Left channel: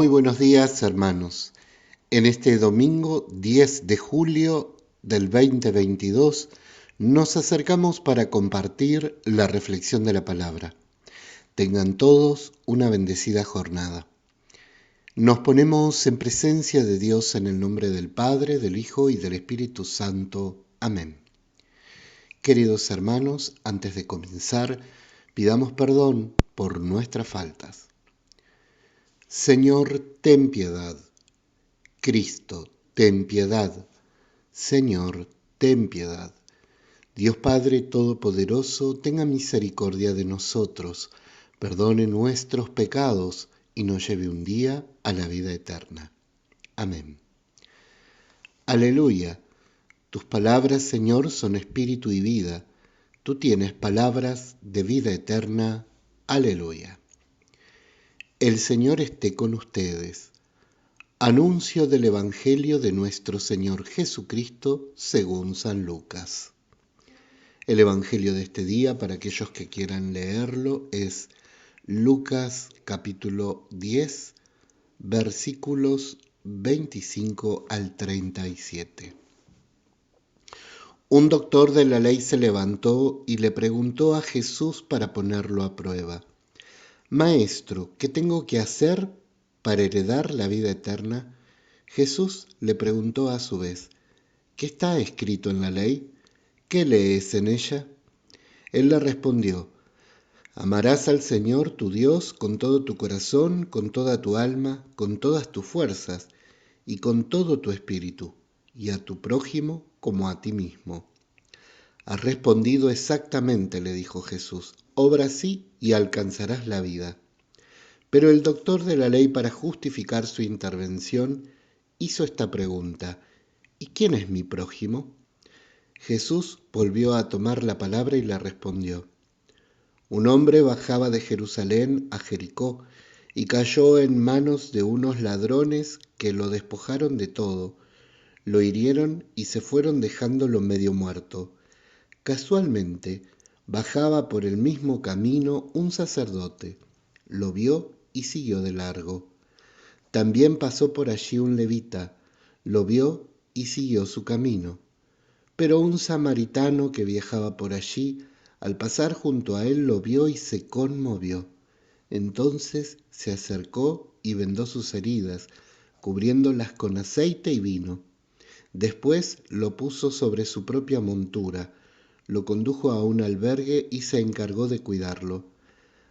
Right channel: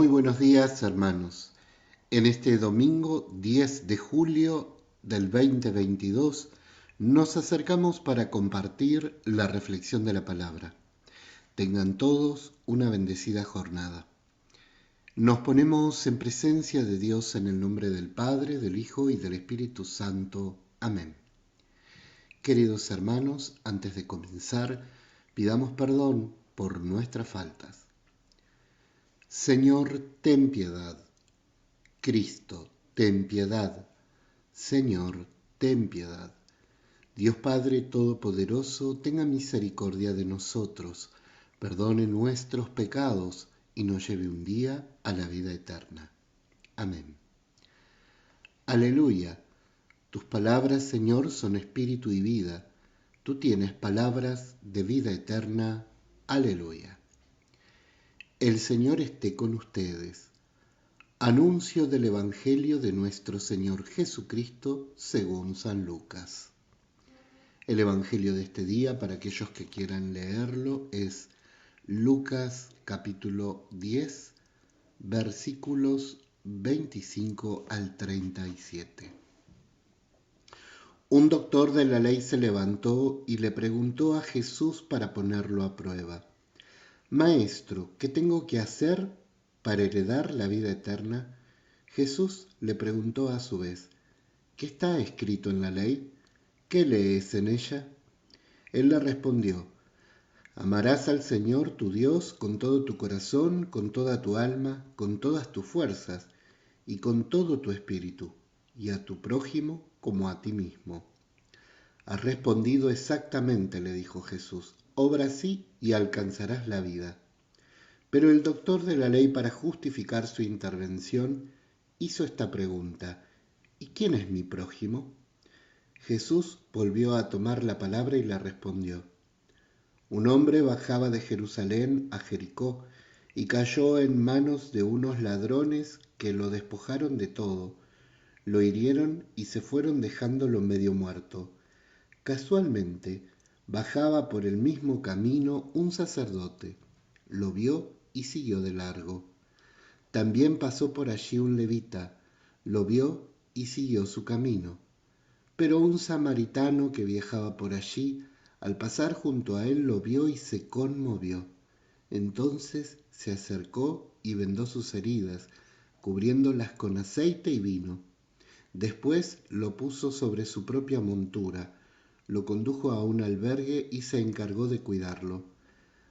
Muy buenos días, hermanos. En este domingo 10 de julio del 2022 nos acercamos para compartir la reflexión de la palabra. Tengan todos una bendecida jornada. Nos ponemos en presencia de Dios en el nombre del Padre, del Hijo y del Espíritu Santo. Amén. Queridos hermanos, antes de comenzar, pidamos perdón por nuestras faltas. Señor, ten piedad. Cristo, ten piedad. Señor, ten piedad. Dios Padre Todopoderoso, tenga misericordia de nosotros, perdone nuestros pecados y nos lleve un día a la vida eterna. Amén. Aleluya. Tus palabras, Señor, son espíritu y vida. Tú tienes palabras de vida eterna. Aleluya. El Señor esté con ustedes. Anuncio del Evangelio de nuestro Señor Jesucristo según San Lucas. El Evangelio de este día, para aquellos que quieran leerlo, es Lucas capítulo 10, versículos 25 al 37. Un doctor de la ley se levantó y le preguntó a Jesús para ponerlo a prueba: Maestro, ¿qué tengo que hacer para heredar la vida eterna? Jesús le preguntó a su vez: ¿Qué está escrito en la ley? ¿Qué lees en ella? Él le respondió: Amarás al Señor tu Dios con todo tu corazón, con toda tu alma, con todas tus fuerzas y con todo tu espíritu, y a tu prójimo como a ti mismo. Has respondido exactamente, le dijo Jesús. Obra así y alcanzarás la vida. Pero el doctor de la ley, para justificar su intervención, hizo esta pregunta: ¿Y quién es mi prójimo? Jesús volvió a tomar la palabra y le respondió: Un hombre bajaba de Jerusalén a Jericó y cayó en manos de unos ladrones que lo despojaron de todo, lo hirieron y se fueron dejándolo medio muerto. Casualmente bajaba por el mismo camino un sacerdote, lo vio y siguió de largo. También pasó por allí un levita, lo vio y siguió su camino. Pero un samaritano que viajaba por allí, al pasar junto a él, lo vio y se conmovió. Entonces se acercó y vendó sus heridas, cubriéndolas con aceite y vino. Después lo puso sobre su propia montura, lo condujo a un albergue y se encargó de cuidarlo.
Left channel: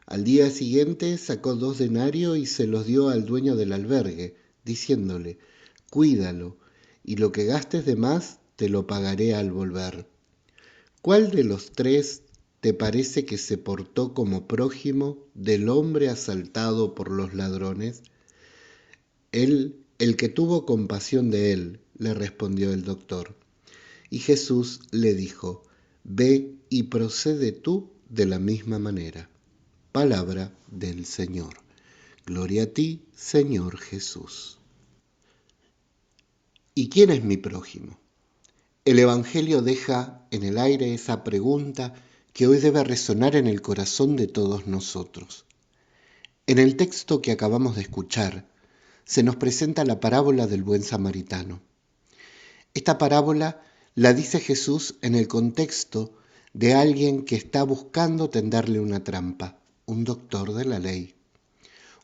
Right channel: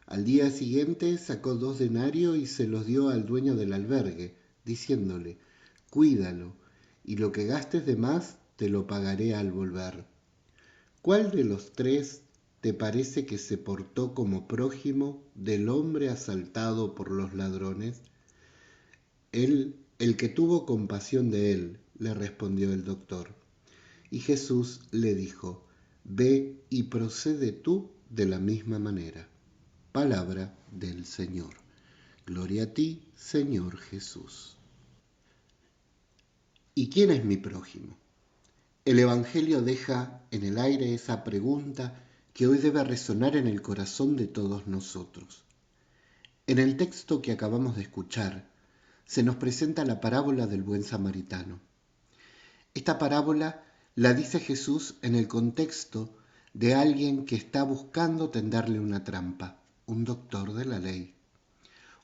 Al día siguiente sacó 2 denarios y se los dio al dueño del albergue, diciéndole: Cuídalo, y lo que gastes de más te lo pagaré al volver. ¿Cuál de los 3 te parece que se portó como prójimo del hombre asaltado por los ladrones? El que tuvo compasión de él, le respondió el doctor. Y Jesús le dijo: Ve y procede tú de la misma manera. Palabra del Señor. Gloria a ti, Señor Jesús. ¿Y quién es mi prójimo? El Evangelio deja en el aire esa pregunta que hoy debe resonar en el corazón de todos nosotros. En el texto que acabamos de escuchar, se nos presenta la parábola del buen samaritano. Esta parábola la dice Jesús en el contexto de alguien que está buscando tenderle una trampa, un doctor de la ley.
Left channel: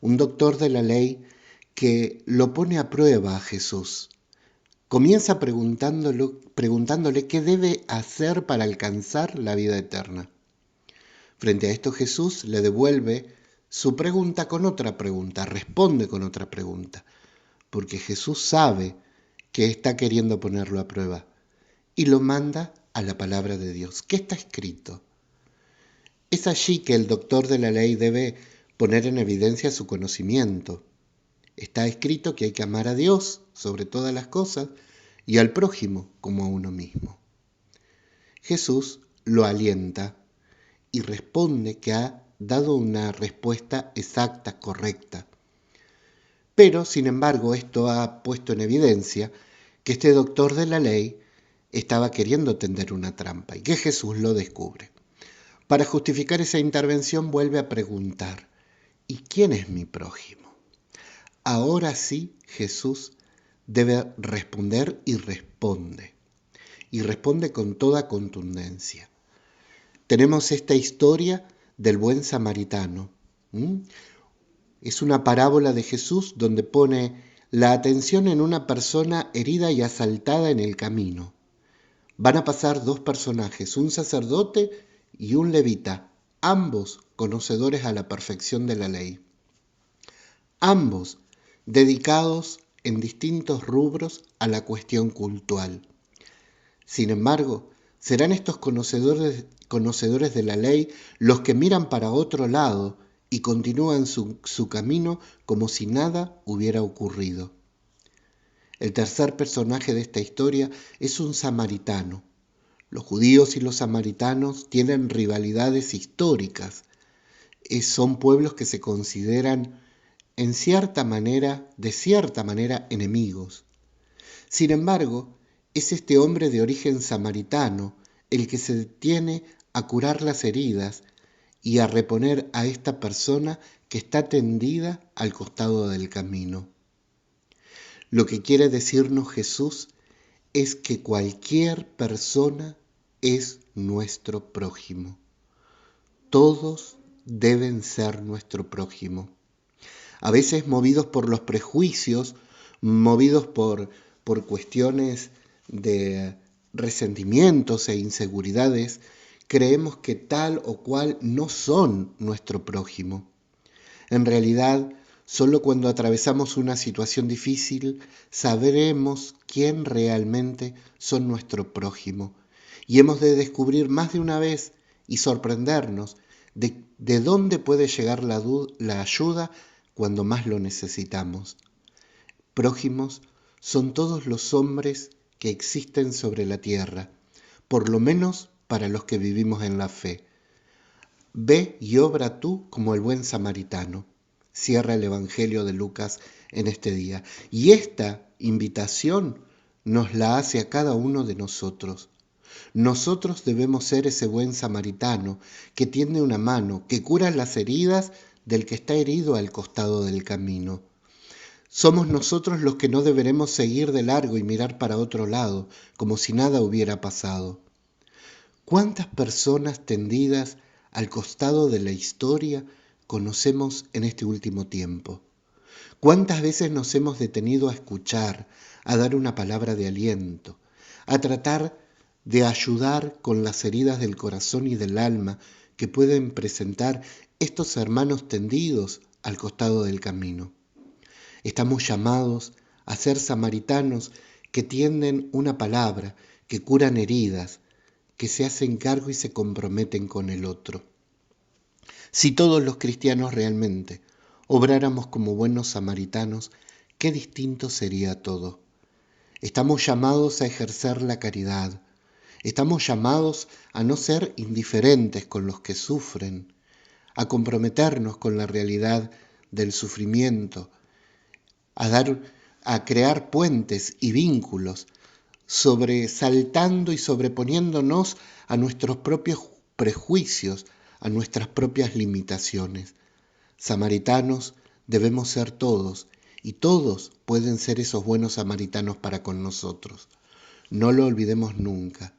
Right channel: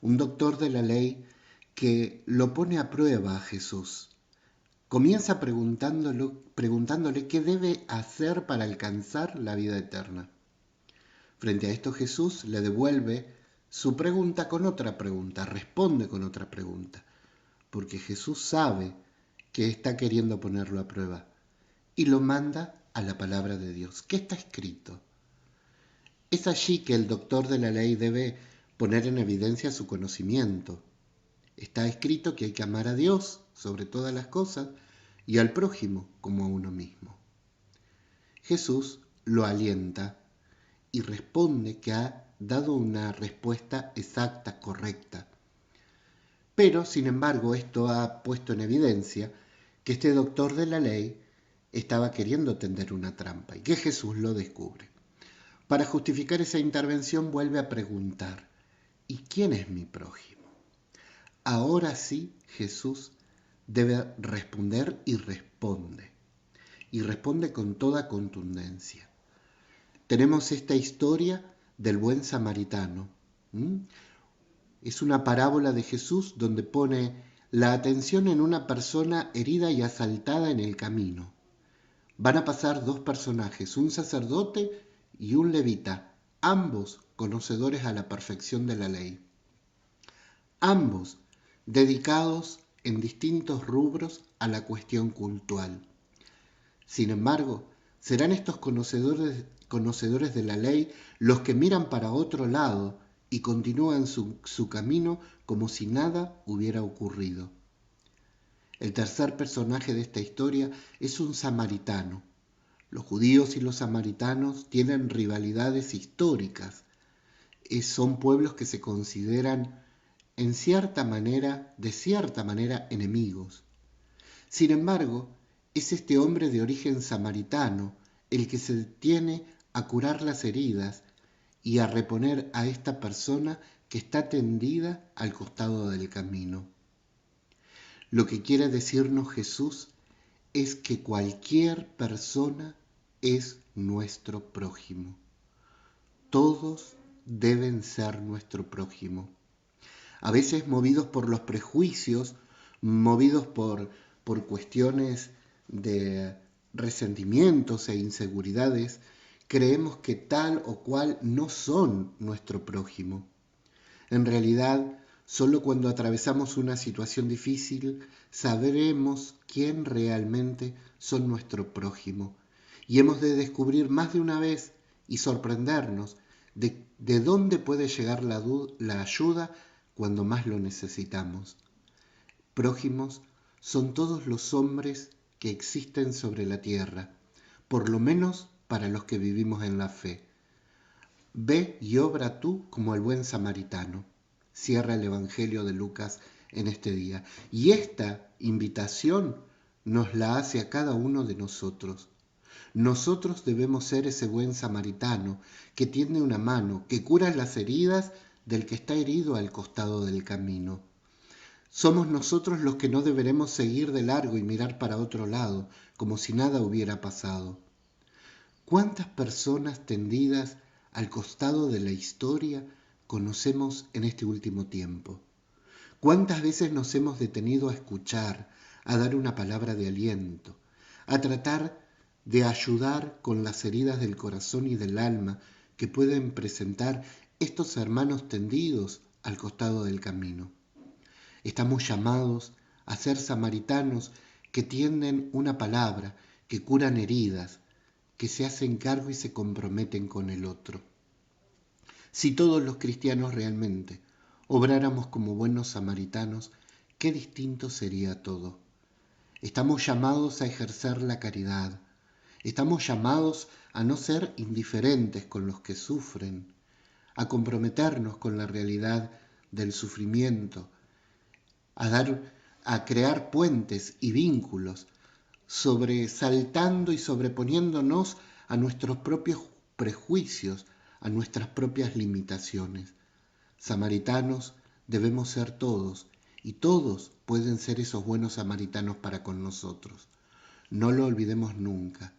Un doctor de la ley que lo pone a prueba a Jesús. Comienza preguntándole qué debe hacer para alcanzar la vida eterna. Frente a esto, Jesús le devuelve su pregunta con otra pregunta, responde con otra pregunta, porque Jesús sabe que está queriendo ponerlo a prueba y lo manda a la palabra de Dios. ¿Qué está escrito? Es allí que el doctor de la ley debe poner en evidencia su conocimiento. Está escrito que hay que amar a Dios sobre todas las cosas y al prójimo como a uno mismo. Jesús lo alienta y responde que ha dado una respuesta exacta, correcta. Pero, sin embargo, esto ha puesto en evidencia que este doctor de la ley estaba queriendo tender una trampa y que Jesús lo descubre. Para justificar esa intervención vuelve a preguntar: ¿y quién es mi prójimo? ahora sí Jesús debe responder y responde. Y responde con toda contundencia. Tenemos esta historia del buen samaritano. Es una parábola de Jesús donde pone la atención en una persona herida y asaltada en el camino. Van a pasar dos personajes, un sacerdote y un levita, ambos conocedores a la perfección de la ley. Ambos dedicados en distintos rubros a la cuestión cultural. Sin embargo, serán estos conocedores de la ley los que miran para otro lado y continúan su camino como si nada hubiera ocurrido. El tercer personaje de esta historia es un samaritano. Los judíos y los samaritanos tienen rivalidades históricas. Son pueblos que se consideran de cierta manera, enemigos. Sin embargo, es este hombre de origen samaritano el que se detiene a curar las heridas y a reponer a esta persona que está tendida al costado del camino. Lo que quiere decirnos Jesús es que cualquier persona es nuestro prójimo. Todos deben ser nuestro prójimo. A veces movidos por los prejuicios, movidos por cuestiones de resentimientos e inseguridades, creemos que tal o cual no son nuestro prójimo. En realidad, solo cuando atravesamos una situación difícil sabremos quién realmente son nuestro prójimo. Y hemos de descubrir más de una vez y sorprendernos de dónde puede llegar la ayuda cuando más lo necesitamos. Prójimos son todos los hombres que existen sobre la tierra, por lo menos para los que vivimos en la fe. Ve y obra tú como el buen samaritano. Cierra el Evangelio de Lucas en este día. Y esta invitación nos la hace a cada uno de nosotros. Nosotros debemos ser ese buen samaritano que tiende una mano, que cura las heridas del que está herido al costado del camino. Somos nosotros los que no deberemos seguir de largo y mirar para otro lado, como si nada hubiera pasado. ¿Cuántas personas tendidas al costado de la historia conocemos en este último tiempo? ¿Cuántas veces nos hemos detenido a escuchar, a dar una palabra de aliento, a tratar de ayudar con las heridas del corazón y del alma que pueden presentar estos hermanos tendidos al costado del camino? Estamos llamados a ser samaritanos que tienden una palabra, que curan heridas, que se hacen cargo y se comprometen con el otro. Si todos los cristianos realmente obráramos como buenos samaritanos, qué distinto sería todo. Estamos llamados a ejercer la caridad. Estamos llamados a no ser indiferentes con los que sufren, a comprometernos con la realidad del sufrimiento, a crear puentes y vínculos, sobresaltando y sobreponiéndonos a nuestros propios prejuicios, a nuestras propias limitaciones. Samaritanos debemos ser todos, y todos pueden ser esos buenos samaritanos para con nosotros. No lo olvidemos nunca,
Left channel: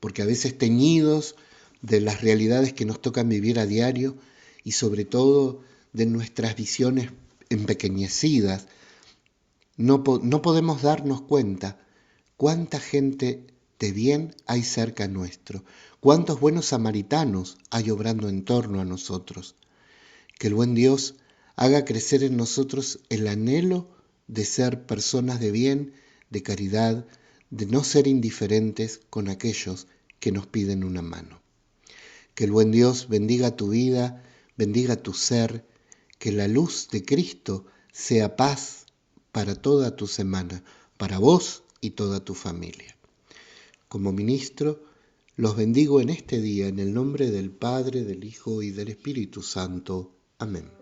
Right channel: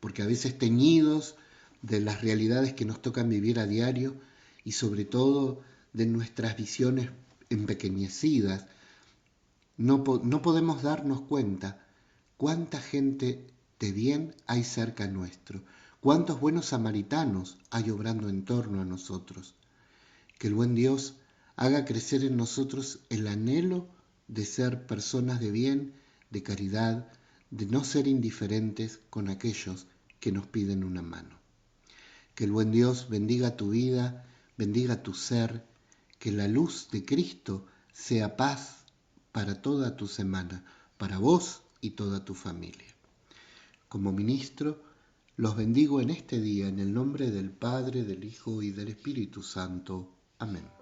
porque a veces teñidos de las realidades que nos tocan vivir a diario y sobre todo de nuestras visiones empequeñecidas, no podemos darnos cuenta cuánta gente de bien hay cerca nuestro, cuántos buenos samaritanos hay obrando en torno a nosotros. Que el buen Dios haga crecer en nosotros el anhelo de ser personas de bien, de caridad, de no ser indiferentes con aquellos que nos piden una mano. Que el buen Dios bendiga tu vida, bendiga tu ser, que la luz de Cristo sea paz para toda tu semana, para vos y toda tu familia. Como ministro, los bendigo en este día en el nombre del Padre, del Hijo y del Espíritu Santo. Amén.